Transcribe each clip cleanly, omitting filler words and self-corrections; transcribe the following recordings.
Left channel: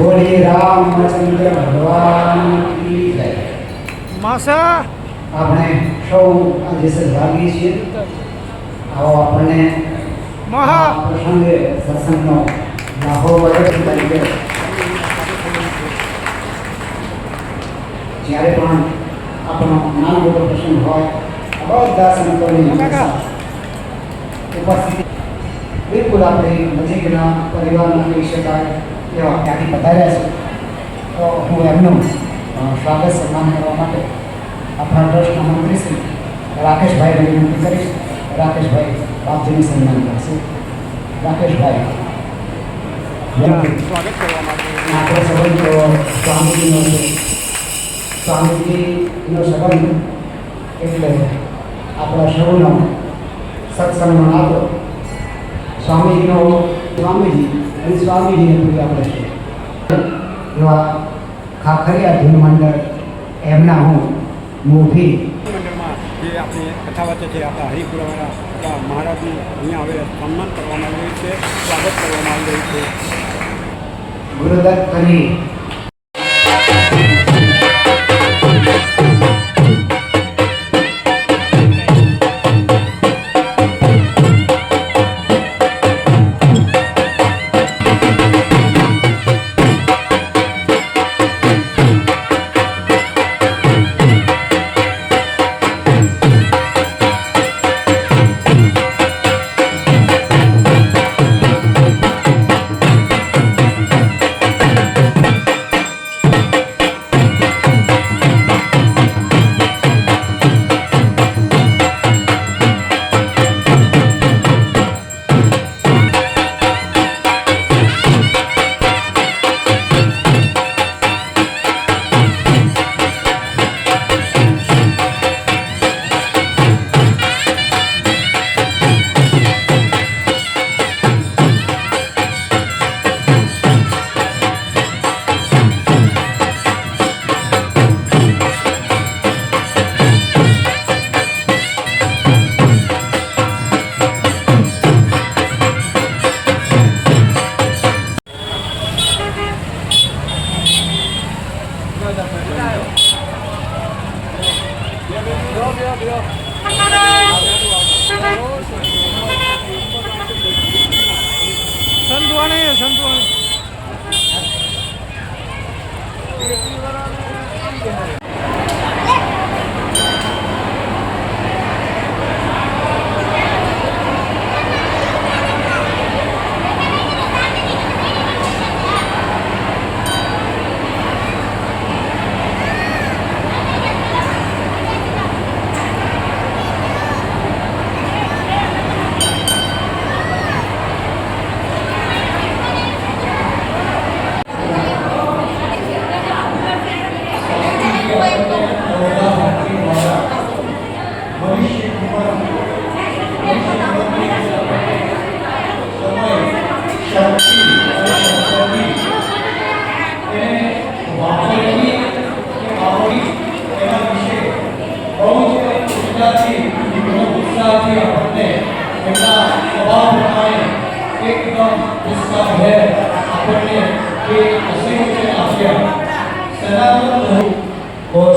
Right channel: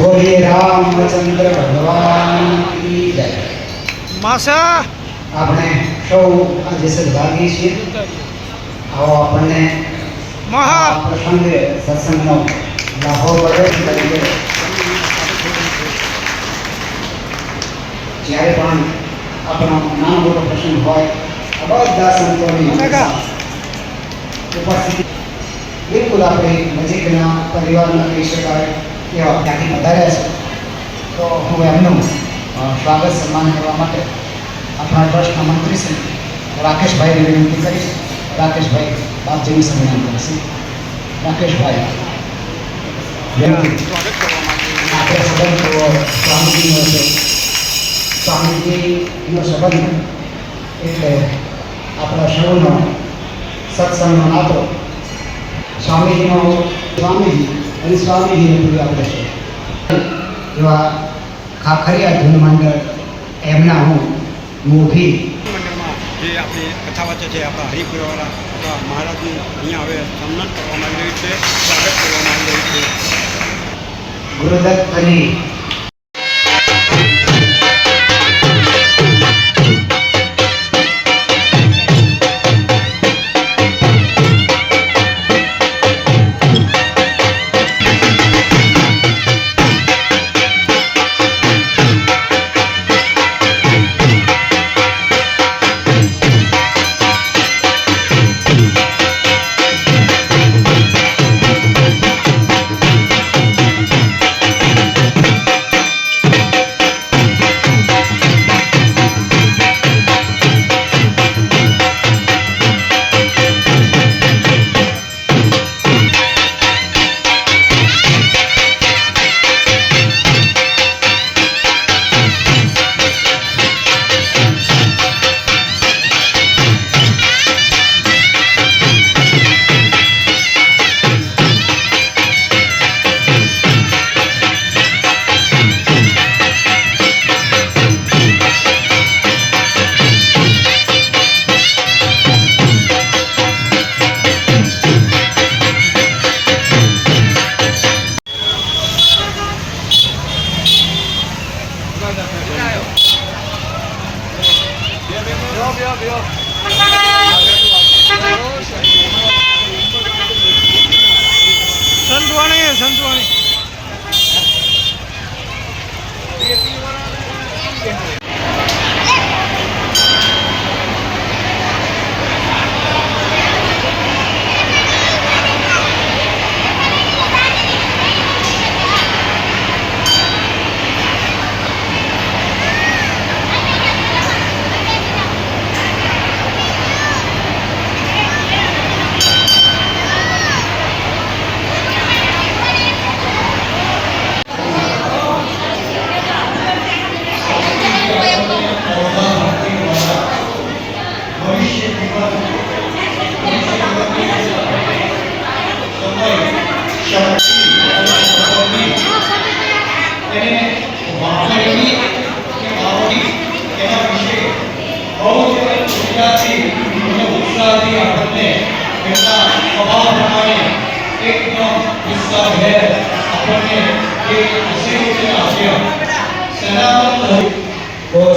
बोलिए रामचंद्र भगवान की जय। मासा આપણે સૌ આજે સદભાગી છીએ। આવો આપણને મહા પ્રસંગે સત્સંગનો લાહો વધે છે। જ્યારે પણ આપણો નાનો મોટો પ્રસંગ હોય બધા સંતોની ઉપસ્થિતિ બિલકુલ આપણે નજીકના પરિવારના કહી શકાય એવા ત્યાંથી પધાર્યા છે। તો હું એમનું સ્વાગત સન્માન કરવા માટે આપણા ટ્રસ્ટના મંત્રી શ્રી રાકેશભાઈને વિનંતી કરીશ। રાકેશભાઈ આપજીનું સંમેલન કરશે। રાકેશભાઈ આપણે સંબંધ સ્વામીજીનો છે। સ્વામીજીનો સંબંધ એટલે આપણા સૌનો સત્સંગનો નાતો। સ્વામીજીનો સ્વામીજી અને સ્વામીજીને પૂરી આપણે છે એવા ખાખરિયા ધૂન મંડળ એમના હું મોભી મંડળમાં જે આપણી કથા વાંચે છે આપણા હરિપુરાવાળા આપણા મહારાજનું અહીંયા હવે સન્માન કરવામાં આવી રહ્યું છે, સ્વાગત કરવામાં આવી રહ્યું છે। ગુરુદત્ત કરી સંતવાણી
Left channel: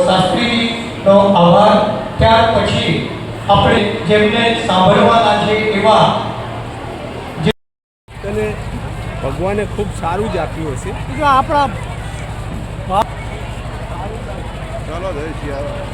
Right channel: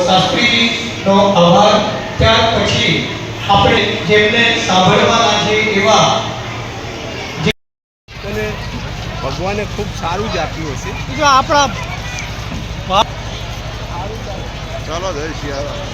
શાસ્ત્રીનો આભાર। ત્યાર પછી આપણે જેમને સાંભળવાના છે એવા અને ભગવાને ખૂબ સારું જ આપ્યું હશે। જો આપણા ચાલો જય સિયારામ।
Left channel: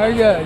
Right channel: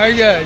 આવી જાય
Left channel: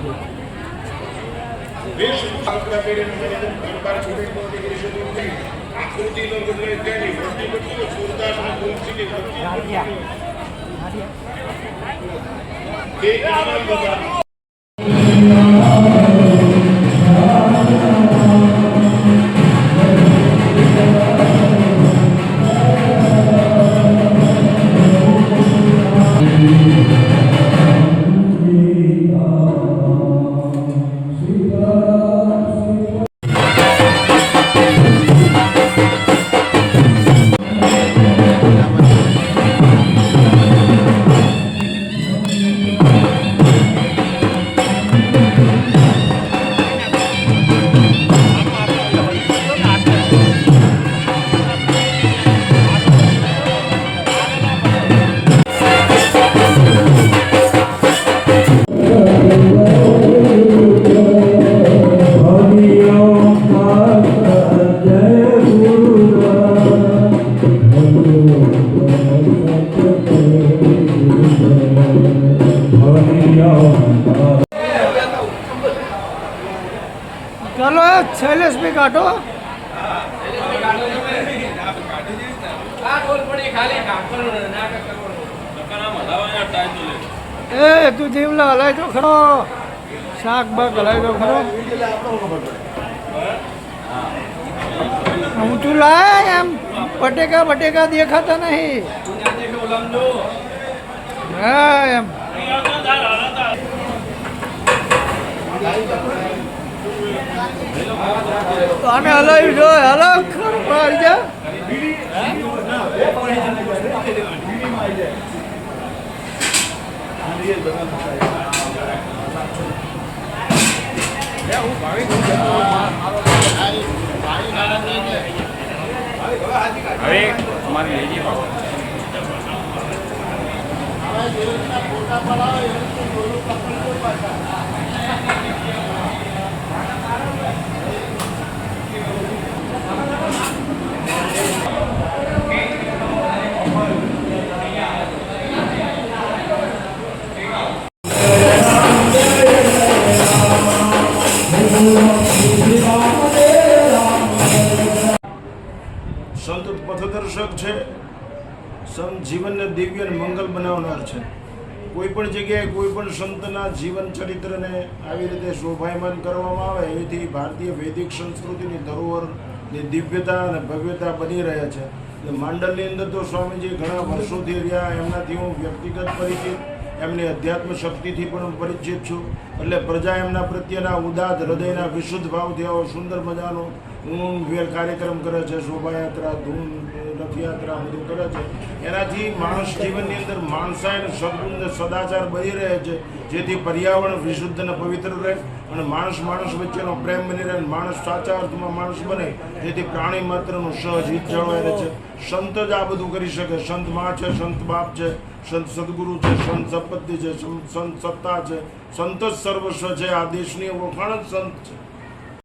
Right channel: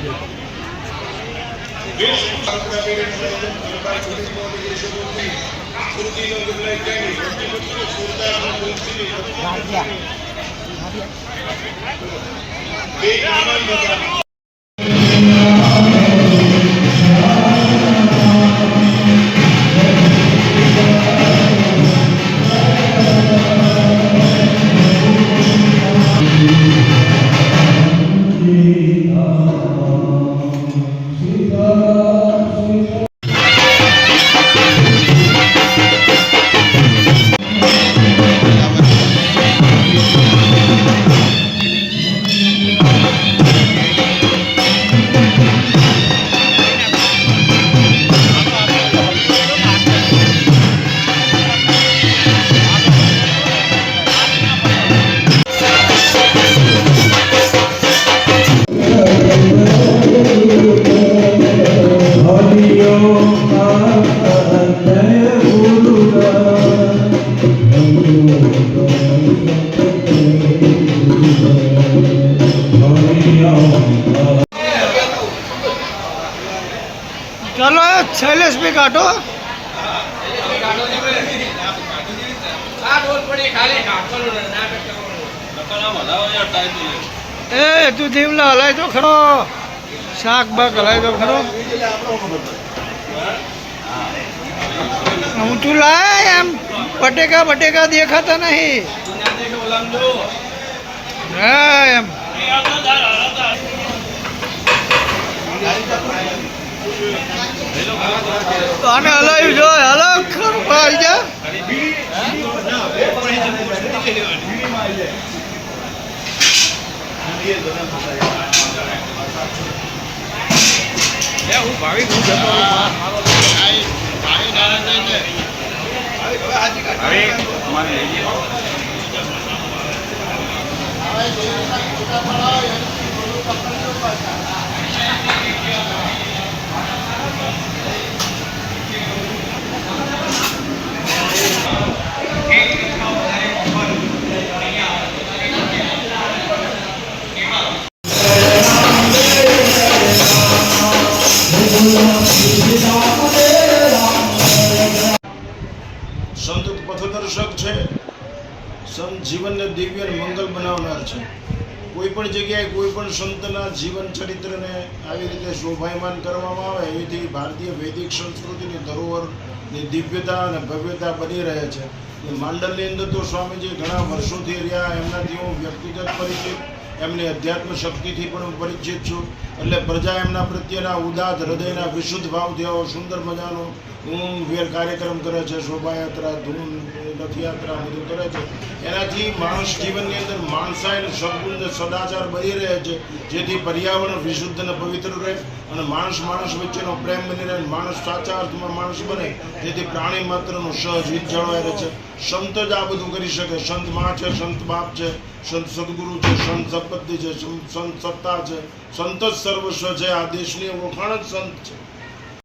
चलो शैलेश भी काटो ए तू जीवला हलाय तो खरो શાક બાક હલાય તો ખરો ઊંચું લાય એમ બટેકા દેખાતા નહીં હા એમ તો આને હલાવ્યું જો હલાવ ખરું આવી જા સંત પથદર્શક છે, સંત જીવનને દિવ્ય અને મંગલ બનાવનાર છે. કોઈ પણ જગ્યાએ કોઈ પણ સંતના જીવન ચરિત્રને આવી રીતે શોભાયમાન કરવામાં આવે એથી ભારતીય વૈદિક સંસ્કૃતિની ધરોહરની દિવ્યતા અને ભવ્યતા બની રહે છે. માંડલની અંદર તો સ્વામીજી ઘણા વર્ષોથી રહ્યા, એમનાથી હું વ્યક્તિગત પરિચિત, એમની અધ્યાત્મ શક્તિથી પણ હું પરિચિત છું. એટલે પ્રજા એમના પ્રત્યેના ઉદાત હૃદયના વિશુદ્ધ ભાવથી આવો સુંદર મજાનો વેર કાર્યક્રમ કરે છે, શોભાયાત્રા, ધૂન, રથયાત્રા બધું કરે છે. એનાથી માણસ જીવનની અંદર માણસાઈ અને સદગુણ સદાચાર બની રહે છે, જેથી પર્યાવરણ વિશુદ્ધ અને પવિત્ર રહે અને માણસ વચ્ચેનો પ્રેમ બની રહે, માણસ સાચા અર્થમાં માણસ બને, જેથી પ્રાણી માત્રનું સહજ હિત જળવાઈ રહે છે. સંત જ આ બધું કરી શકે. સંત મા છે, સંત બાપ છે, સંત સદગુરુ છે, સંત સંપત્તિ છે, સંત સત્તા છે, સંત જ સર્વસ્વ છે. આ દેશની ઓળખાણ જ સંત છે.